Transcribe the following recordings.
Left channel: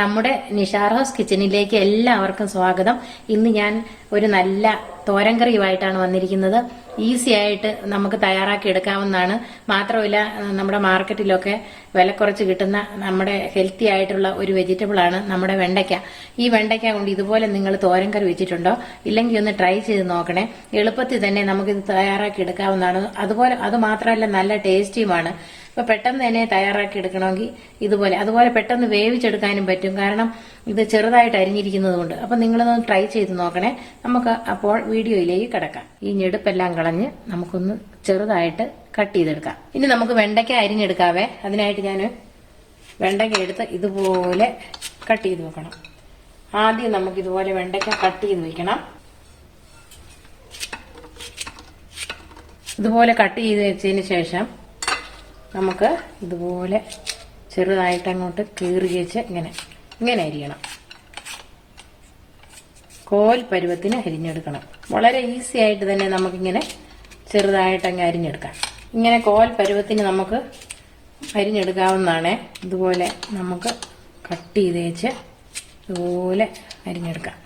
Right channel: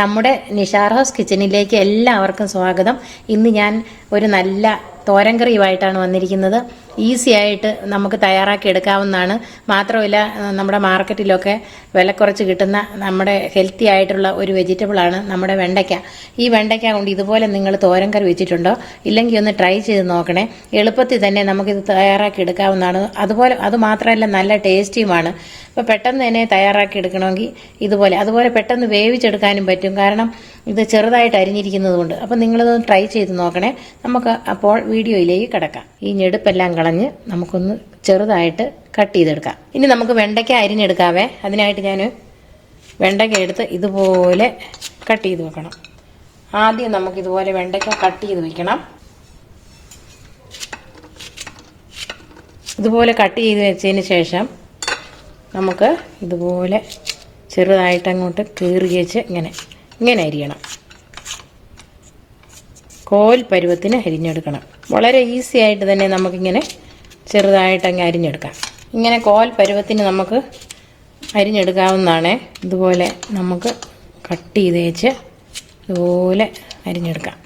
നമ്മുടെ നിഷാർ ഹൗസ് കിച്ചണിലേക്ക് എല്ലാവർക്കും സ്വാഗതം. ഇന്ന് ഞാൻ ഒരു നല്ല തോരൻ കറിയുമായിട്ടാണ് വന്നിരിക്കുന്നത്. ഈസി ആയിട്ട് നമുക്ക് തയ്യാറാക്കി എടുക്കാവുന്നതാണ്. മാത്രമല്ല നമ്മുടെ മാർക്കറ്റിലൊക്കെ വില കുറച്ച് കിട്ടുന്ന നമ്മുടെ ഹെൽത്തി ആയിട്ടുള്ള ഒരു വെജിറ്റബിൾ ആണ് നമ്മുടെ വെണ്ടയ്ക്ക. ഈ വെണ്ടയ്ക്ക കൊണ്ട് ഇതുപോലെ നിങ്ങൾ തോരൻ കറി വെച്ചിട്ടുണ്ടോ? ഇല്ലെങ്കിൽ ഒന്ന് ട്രൈ ചെയ്ത് നോക്കണേ. എളുപ്പത്തിൽ തന്നെ നമുക്കിത് തയ്യാറാക്കി എടുക്കാവുന്നതാണ്. അത് മാത്രമല്ല നല്ല ടേസ്റ്റിയുമാണ്. അപ്പോൾ പെട്ടെന്ന് തന്നെ തയ്യാറാക്കി എടുക്കണമെങ്കിൽ അതുപോലെ പെട്ടെന്ന് വേവിച്ചെടുക്കാനും പറ്റും. കാരണം ഇത് ചെറുതായിട്ട് അരിഞ്ഞിരിക്കുന്നത് കൊണ്ട്. അപ്പം നിങ്ങളതൊന്ന് ട്രൈ ചെയ്ത് നോക്കണേ. നമുക്ക് അപ്പോൾ വീഡിയോയിലേക്ക് കിടക്കാം. ഈ ഞെടുപ്പെല്ലാം കളഞ്ഞ് നമുക്കൊന്ന് ചെറുതായിട്ട് കട്ട് ചെയ്തെടുക്കാം. ഇനി നമുക്ക് വെണ്ടയ്ക്ക അരിഞ്ഞെടുക്കാവേ. അതിനായിട്ട് ഞാൻ വെണ്ടയ്ക്ക എടുത്ത് ഇതുപോലെ കട്ട് ചെയ്ത് വെക്കണം. ആദ്യം നമുക്കിതുപോലെ വെണ്ടയ്ക്ക കട്ട് ചെയ്ത് വെക്കണം. ഇതുപോലെ കട്ട് ചെയ്ത് വെച്ചതിന് ശേഷം നമുക്ക് ഇതുപോലെ ചെറുതായിട്ട് അങ്ങോട്ട് കീറി വെച്ച് ഇങ്ങനെ അരിയണം. കോൽ പരുവത്തിന് അരിഞ്ഞെടുക്കണം. വളരെ ഈസി ആയിട്ട് തന്നെ നമുക്കിങ്ങനെ ചെറുതായിട്ട് അങ്ങ് അരിഞ്ഞെടുക്കാം. ഇങ്ങനെ കോൽ പരുവത്തിന് നമുക്ക് അരിഞ്ഞെടുക്കാവുന്നതാണ്. ഇതുപോലെ നമുക്ക് കട്ട് ചെയ്ത് വെച്ച് ഇതുപോലെ അരിഞ്ഞെടുക്കാം.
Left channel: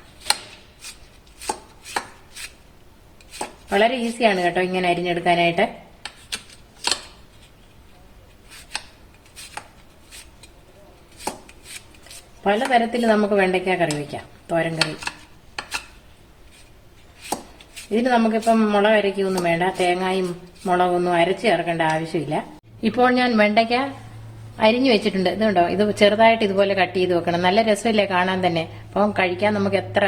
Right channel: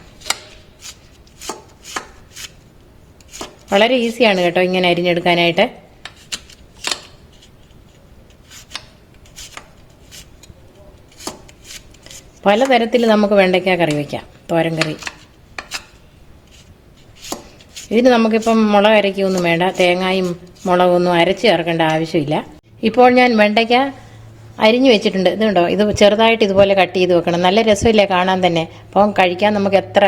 വളരെ ഈസിയാണ് കേട്ടോ ഇങ്ങനെ അരിഞ്ഞെടുക്കാനായിട്ട്. പലതരത്തിൽ നമുക്ക് വെണ്ടയ്ക്ക കറി വയ്ക്കാം, തോരൻ കറി. ഇതിന് നമുക്കിപ്പം മുളക് അരയ്ക്കൊന്നും വേണ്ട, തേങ്ങയും മുളകൊന്നും അരച്ച് ചേർക്കേണ്ട ആവശ്യമില്ല. ഇപ്പോൾ ഞാൻ വെണ്ടയ്ക്ക അരിഞ്ഞു വെച്ചിട്ടുണ്ട്. ഇതുണ്ടോ, ഇത് ചെറുതായിട്ട് ഇതുപോലെ കട്ട് ചെയ്ത് വെക്കണം. നല്ല രസമില്ലേ കാണാൻ തന്നെ. അപ്പം കഴിക്കാൻ നമുക്ക് എത്ര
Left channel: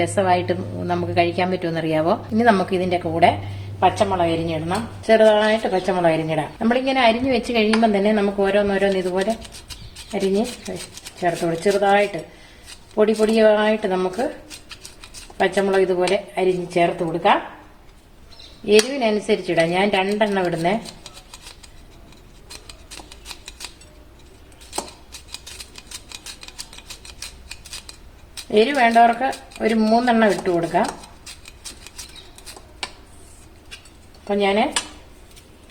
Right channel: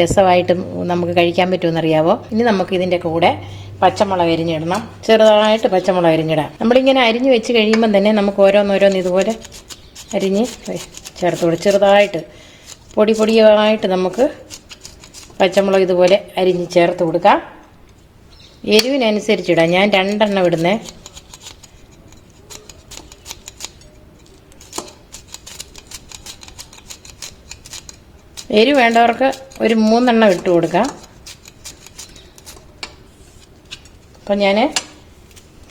രസമായിട്ടും നമുക്ക് കഴിക്കാൻ പറ്റുമെന്നറിയാവോ. ഇനി നമുക്ക് ഇതിൻ്റെ കൂടെ പച്ചമുളക് അരിഞ്ഞിടണം. ചെറുതായിട്ട് പച്ചമുളക് അരിഞ്ഞിടാം. നമ്മളിങ്ങനെ അരിഞ്ഞു വെച്ച് കഴിയുമ്പം തന്നെ നമുക്ക് ഓരോന്നോരോന്ന് ഇതുപോലെ അരിഞ്ഞ് ചേർത്ത് കൊടുക്കും. ചെറുതായിട്ട് പൊടിയായിട്ട് നമുക്ക് പച്ചമുളക് ഇതുപോലെ അരിഞ്ഞ് ചേർത്ത് കൊടുക്കാം. എരിവിനനുസരിച്ചിടാം. ഞാൻ 2 എണ്ണം ഇടുന്നേ. എരിവ് വേണ്ടവർക്ക് ഒരു 3 എണ്ണം ഇട്ട് കൊടുക്കാം. അപ്പം ഞാൻ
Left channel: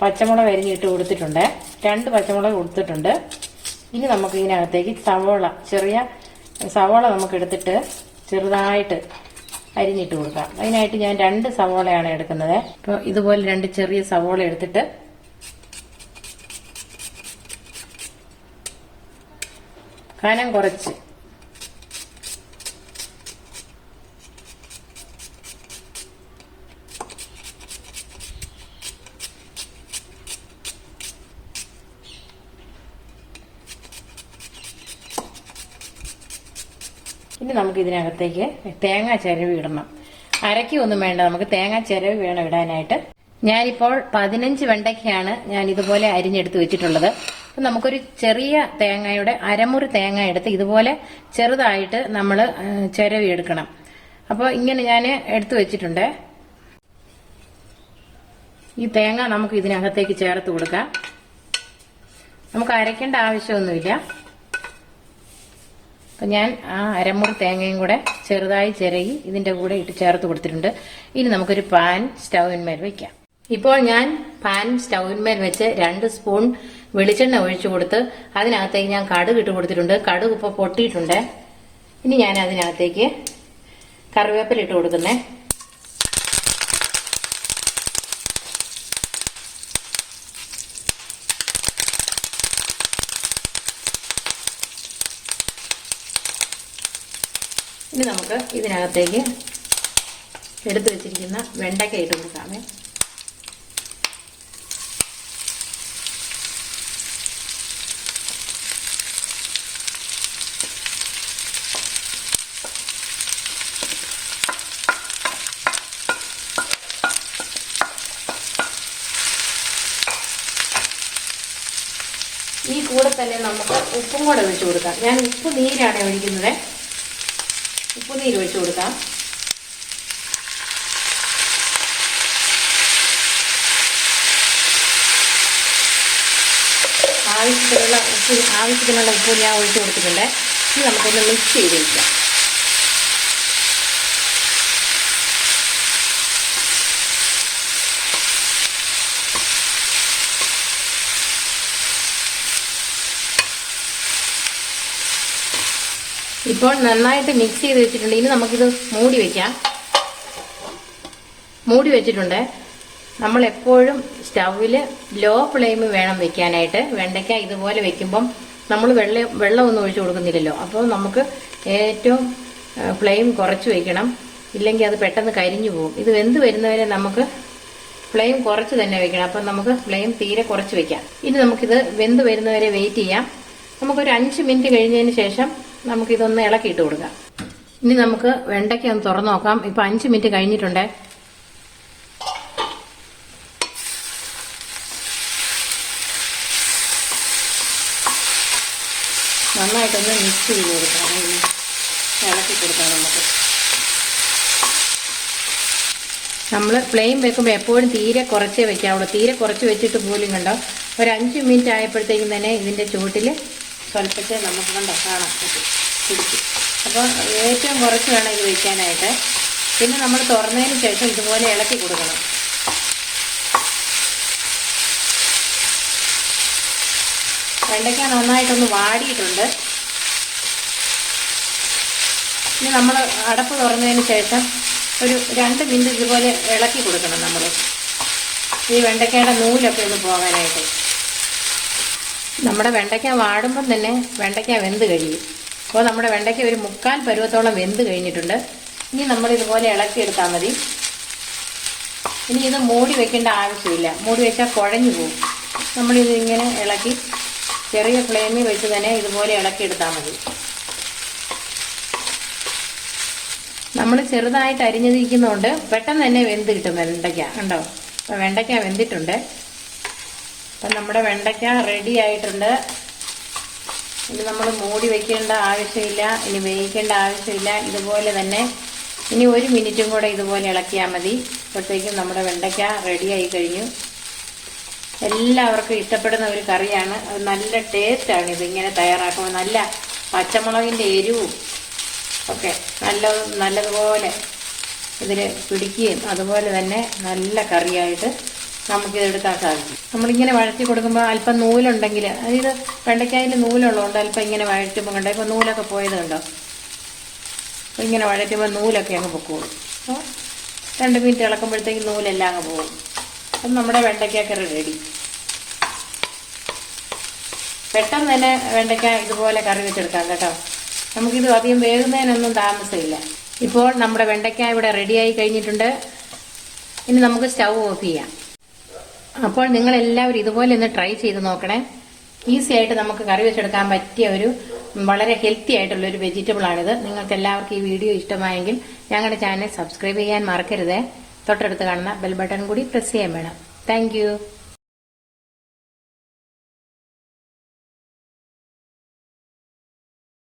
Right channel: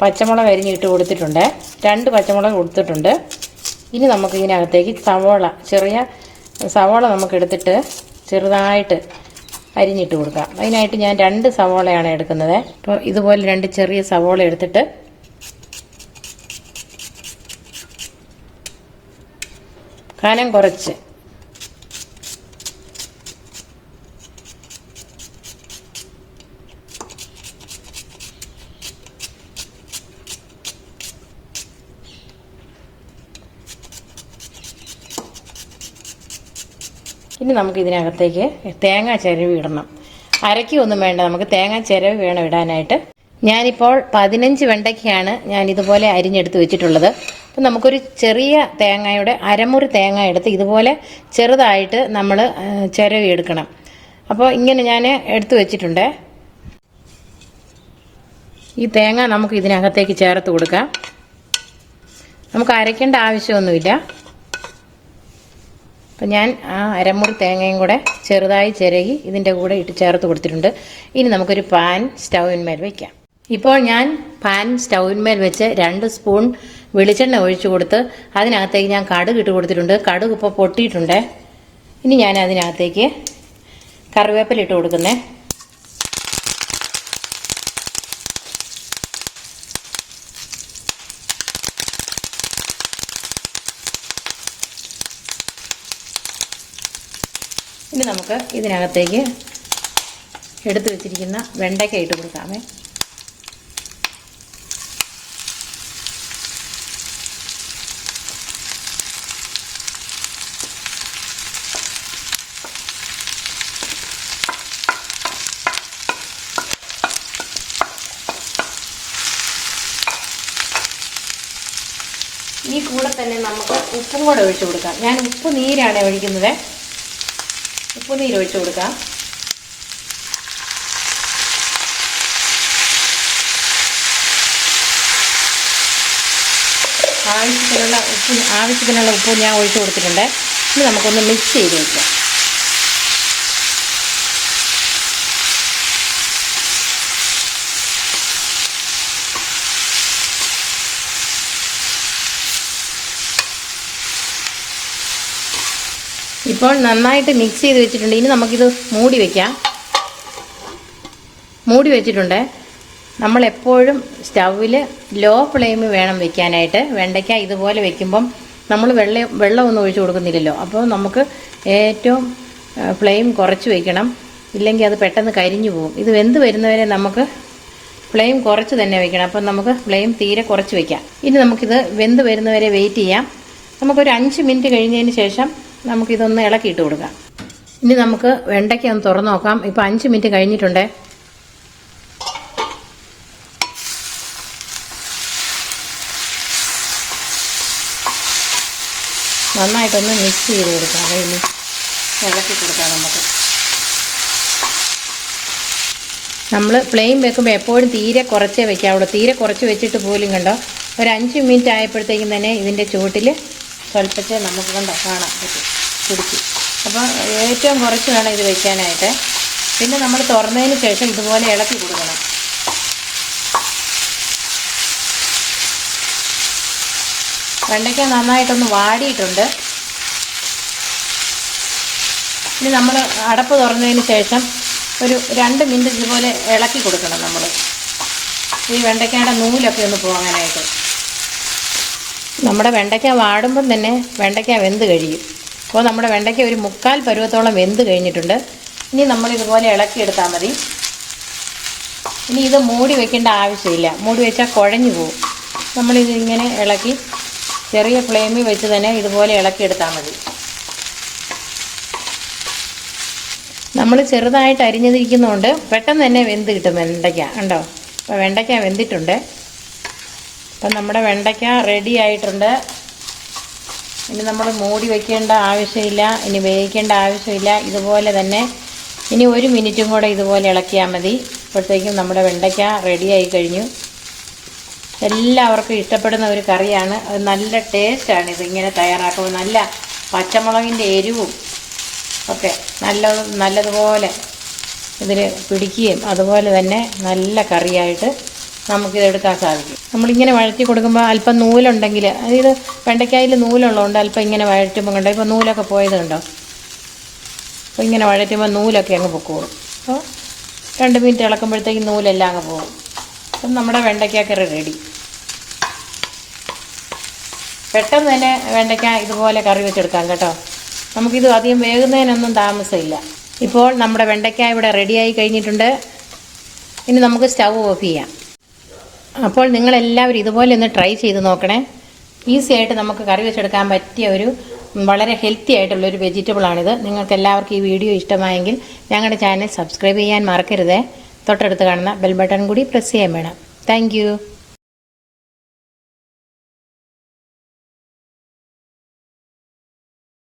പച്ചമുളക് അരിഞ്ഞിട്ട് കൊടുത്തിട്ടുണ്ട്. 2 പച്ചമുളക് കൊടുത്തിട്ടുണ്ട്. ഇനി നമുക്ക് ഇതിനകത്തേക്ക് ചെറിയ സവോള നമുക്ക് എടുത്തിട്ട് ചെറുതായിട്ട് അരിഞ്ഞിട്ട് കൊടുക്കാം. അതിനായിട്ട് ഞാൻ 2 സവോളയാണ് എടുക്കുന്നത്. അപ്പോൾ ഇതുപോലെ 2 ചെറിയ സവോള എടുത്തിട്ട് കനം കുറച്ച് ഇനി നമുക്ക് ഇതിനകത്തേക്ക് തേങ്ങ ചിരവി ഇടണം. അരയ്ക്കൊന്നും വേണ്ട, നമുക്ക് തേങ്ങ ചിരവി വേണം ഇടാനായിട്ട്. ഞാനിപ്പോൾ 15 വെണ്ടയ്ക്കയാണ് ഞാൻ ഇതുപോലെ അരിഞ്ഞെടുത്ത് വെച്ചിട്ടുള്ളത്. അപ്പം നമുക്കൊരു ചെറിയ തേങ്ങയുടെ അരമുറി തേങ്ങ എടുത്ത് ഇതുപോലെ ചെറുതായിട്ട് നമ്മൾ ചിരവി എടുക്കണം. അപ്പോൾ ഇങ്ങനെ ഞാൻ എടുത്തു വെച്ചിട്ടുണ്ട്. ഈ തേങ്ങ നമുക്ക് ഇതിനകത്തേക്ക് ചേർത്ത് കൊടുക്കാം. നമുക്ക് അരയ്ക്കേണ്ട ആവശ്യമൊന്നുമില്ല. അപ്പം ഞാൻ ആ അരമുറി തേങ്ങയും കൂടെ ചെറുതായി ചിരകി ഇതിൻ്റെ കൂടെ ഇട്ട് ചേർത്ത് കൊടുത്തിട്ടുണ്ട്. ഇനി നമുക്കൊരു പാൻ സ്റ്റൗവിന്മേൽ വയ്ക്കാം. ഇപ്പോൾ ഞാൻ പാൻ സ്റ്റൗവിന്മേൽ വെച്ച് 2 സ്പൂൺ വെളിച്ചെണ്ണ ഒഴിച്ചു കൊടുത്ത് അതിനകത്തേക്ക് ഞാൻ കടുക് ഇട്ട് കൊടുത്തിട്ടുണ്ട്. കടുക് ഇപ്പോൾ പൊട്ടിയിട്ടുണ്ട്. ഇനി ഞാൻ അതിനകത്തേക്ക് കറിവേപ്പില ഇട്ട് കൊടുക്കുന്നേ. ഇനി നമുക്ക് ഇതിനകത്തേക്ക് എടുത്തു വെച്ചിരിക്കുന്ന വെണ്ടയ്ക്ക ഇട്ട് കൊടുക്കാമേ. ഈ കൂടെ തന്നെ നമുക്ക് ഉപ്പും കൂടെ ഒഴിച്ചു കൊടുക്കാം. ഞാൻ ഉപ്പ് നീരാണ് ഒഴിക്കുന്നത്. ഉപ്പുനീര് ഒഴിച്ചു കൊടുക്കാം. ആവശ്യത്തിനുള്ള ഉപ്പ് ഞാൻ ഒഴിച്ചു കൊടുത്തിട്ടുണ്ട്. ഇനി നമുക്കൊന്ന് മിക്സ് ചെയ്ത് വയ്ക്കാം. ഇപ്പോൾ നന്നായിട്ട് മിക്സ് ചെയ്ത് വെച്ചിട്ടുണ്ട്. ഇനി നമുക്കിത് മൂടി വയ്ക്കാം. മൂടി വെച്ചിട്ടുണ്ട്. നമ്മൾ എപ്പോഴും സ്റ്റൗവിൽ ലോ ഫ്ലെയിം വേണം വെക്കാനായിട്ട്. വെണ്ടയ്ക്ക ഇതുപോലെ വെക്കുമ്പം നമ്മൾ വെള്ളമൊന്നും ഒഴിച്ചു കൊടുക്കുന്നില്ലല്ലോ. അപ്പോൾ നമുക്ക് ഏറ്റവും ഫ്ലെയിം കുറച്ച് വയ്ക്കണം, ഇല്ലെങ്കിൽ അത് പെട്ടെന്ന് കരിഞ്ഞു പോകും. ഇത് വെന്ത് വരുന്നവരെ നമുക്ക് ഫ്ലെയിം കുറച്ച് തന്നെ വെക്കണം. അപ്പം നമുക്ക് ഫ്ലെയിം തീരെ കുറച്ച് വെക്കാം. ഇനി നമുക്കിത് വെന്ത് വരുന്നവരെ വെയിറ്റ് ചെയ്യാം. നമുക്കൊരു 5 മിനിറ്റ് കഴിഞ്ഞതിന് ശേഷം നമുക്കിതൊന്ന് ഇളക്കിയിട്ട് കൊടുക്കാം. ഇനി നമുക്ക് വെണ്ടയ്ക്ക ഒന്ന് തുറന്നു നോക്കാം. ഇപ്പം 5 മിനിറ്റ് കഴിഞ്ഞിട്ടുണ്ട്. നന്നായിട്ടൊന്ന് മിക്സ് ചെയ്ത് കൊടുക്കാം. ഇളക്കി കൊടുക്കാം. നമ്മൾ ഫ്ലെയിം വെക്കുമ്പോൾ എപ്പോഴും തീരെ കുറച്ചേ വെക്കാവുള്ളൂ. തീരെ കുറച്ച് വെച്ചിട്ട് പോലും കണ്ടോ, ഒരു 5 മിനിറ്റ് ആയപ്പോഴത്തേക്കും തന്നെ ഇതിൻ്റെ ചുവട്ടിൽ സ്വല്പത്തെ നമുക്ക് കൊണ്ട് കാണാൻ പറ്റും പിടിച്ച്. അപ്പം ഏറ്റവും കുറച്ച് വേണം ഇത് വെക്കാനായിട്ട്. പിന്നെ നമ്മൾ തുറന്നതിന് ശേഷം ഇതുപോലെ ഇളക്കി കൊടുക്കണം. വെണ്ടയ്ക്ക നന്നായിട്ടൊന്ന് വാടിയിട്ടുണ്ട്. ഇനി നമ്മൾ അടപ്പ് തുറന്നതിന് ശേഷം ഒരു 2 മിനിറ്റ് ഇതുപോലെ ഇളക്കി കൊടുക്കണം. നമ്മൾ ഈ വെണ്ടയ്ക്കയുടെ നൂലൊക്കെ ഒന്ന് പോകാനായിട്ട്. നമ്മുടെ വെണ്ടയ്ക്ക വാടുമ്പം തന്നെ വെണ്ടയ്ക്ക വെന്ത് കഴിയും. അപ്പോൾ നമ്മുടെ വെണ്ടയ്ക്ക ഒരു 3/4 പരുവത്തോളം വെന്ത് കഴിഞ്ഞിട്ടുണ്ട്. ഇനി നമ്മളിതുപോലെ ഇളക്കിയെടുത്താൽ മതി. ഇനി ഇത് മൂടി വെക്കേണ്ട ആവശ്യമില്ല. മൂടി വെച്ചാൽ കുഴഞ്ഞു പോകും. നമ്മളിതിങ്ങനെ ഇളക്കി ചെറിയ ഫ്ലെയിമിൽ വെച്ച് തന്നെ ഇതുപോലെ ഇളക്കിയെടുത്താൽ മതി. നമ്മൾ ചെറുതായിട്ട് അരിഞ്ഞതിരിക്കുന്നതുകൊണ്ട് പെട്ടെന്ന് തന്നെ വെന്ത് കിട്ടും വെണ്ടയ്ക്ക. കണ്ടോ, അപ്പോൾ വെണ്ടയ്ക്ക വെന്തിട്ടുണ്ട്. അപ്പം നമ്മുടെ വെണ്ടയ്ക്ക റെഡി ആയിട്ടുണ്ട്. ഇനി നമ്മൾ മൂടി വയ്ക്കേണ്ട ആവശ്യമില്ല, ഇനി വേവിക്കേണ്ട ആവശ്യമില്ല. ഇതുപോലെ തന്നെ ഇനി 1 മിനിറ്റും കൂടെ ഇതുപോലെ ഇളക്കിയാൽ മതി. അപ്പോഴത്തേക്കും നമ്മുടെ വെണ്ടയ്ക്ക റെഡിയായി കഴിഞ്ഞു. എല്ലാവർക്കും ഇഷ്ടപ്പെടുന്ന ഒരു കറിയാണ്. അത് നല്ല ടേസ്റ്റാണ് ഇതിങ്ങനെ തയ്യാറാക്കുമ്പോൾ. നല്ല പച്ചമുളകിൻ്റെ എരിവും ഒക്കെ നല്ലതുപോലെ ഇതിൽ പിടിക്കുകയും അതുപോലെ തന്നെ നല്ല കറിയായിട്ട് നമുക്കിതെടുക്കാൻ സാധിക്കും. നമ്മളിങ്ങനെ വഴറ്റി കൊടുക്കുമ്പോൾ അല്പം നൂലുണ്ടെങ്കിൽ, അതായത് വെണ്ടയ്ക്കായിൽ നൂലുള്ളതുകൊണ്ട് അല്പം ഇങ്ങനെ വഴറ്റുമ്പോൾ കണ്ടോ, ഇപ്പോൾ നൂലൊക്കെ പോയത് കണ്ടോ. അപ്പോൾ ഇങ്ങനെ വഴറ്റുമ്പോൾ നൂലൊക്കെ അങ്ങ് പൊക്കോളും. അപ്പോൾ 2 മിനിറ്റ് ഇളക്കുമ്പോഴത്തേക്കും നൂലെല്ലാം അങ്ങ് പോകും. അപ്പം നമ്മുടെ വെണ്ടയ്ക്കക്കറി റെഡി. പെട്ടെന്ന് തന്നെ വെണ്ടയ്ക്ക ഇതുപോലെ കറി വെച്ചെടുക്കാം കേട്ടോ. നമുക്കിത് അധികം വേകുന്നതിനൊന്നും താമസമില്ല. ഇപ്പോൾ നമ്മുടെ വെണ്ടയ്ക്ക ഇവിടെ റെഡിയായി കഴിഞ്ഞിട്ടുണ്ട്. ഇനി നമുക്ക് സ്റ്റൗ ഓഫ് ചെയ്യാം. അപ്പോൾ നിങ്ങളെല്ലാവരും ഇതുപോലെ ഒന്ന് ട്രൈ ചെയ്ത് നോക്കണേ. ഈസി ആയിട്ട് നമുക്ക് കറി വെച്ചെടുക്കാൻ പറ്റിയ ഒരു വളരെ ഹെൽത്തി ആയിട്ടുള്ളൊരു വെജിറ്റബിളാണിത്. നിങ്ങൾക്ക് എല്ലാവർക്കും ഈ വീഡിയോ ഇഷ്ടമായെങ്കിൽ ഞങ്ങളുടെ ചാനൽ സബ്സ്ക്രൈബ് ചെയ്യാൻ മറക്കരുത്. തൊട്ടടുത്ത് കാണുന്ന ബെൽ ബട്ടൺ കൂടി പ്രസ് ചെയ്യാൻ വേണം. താങ്ക്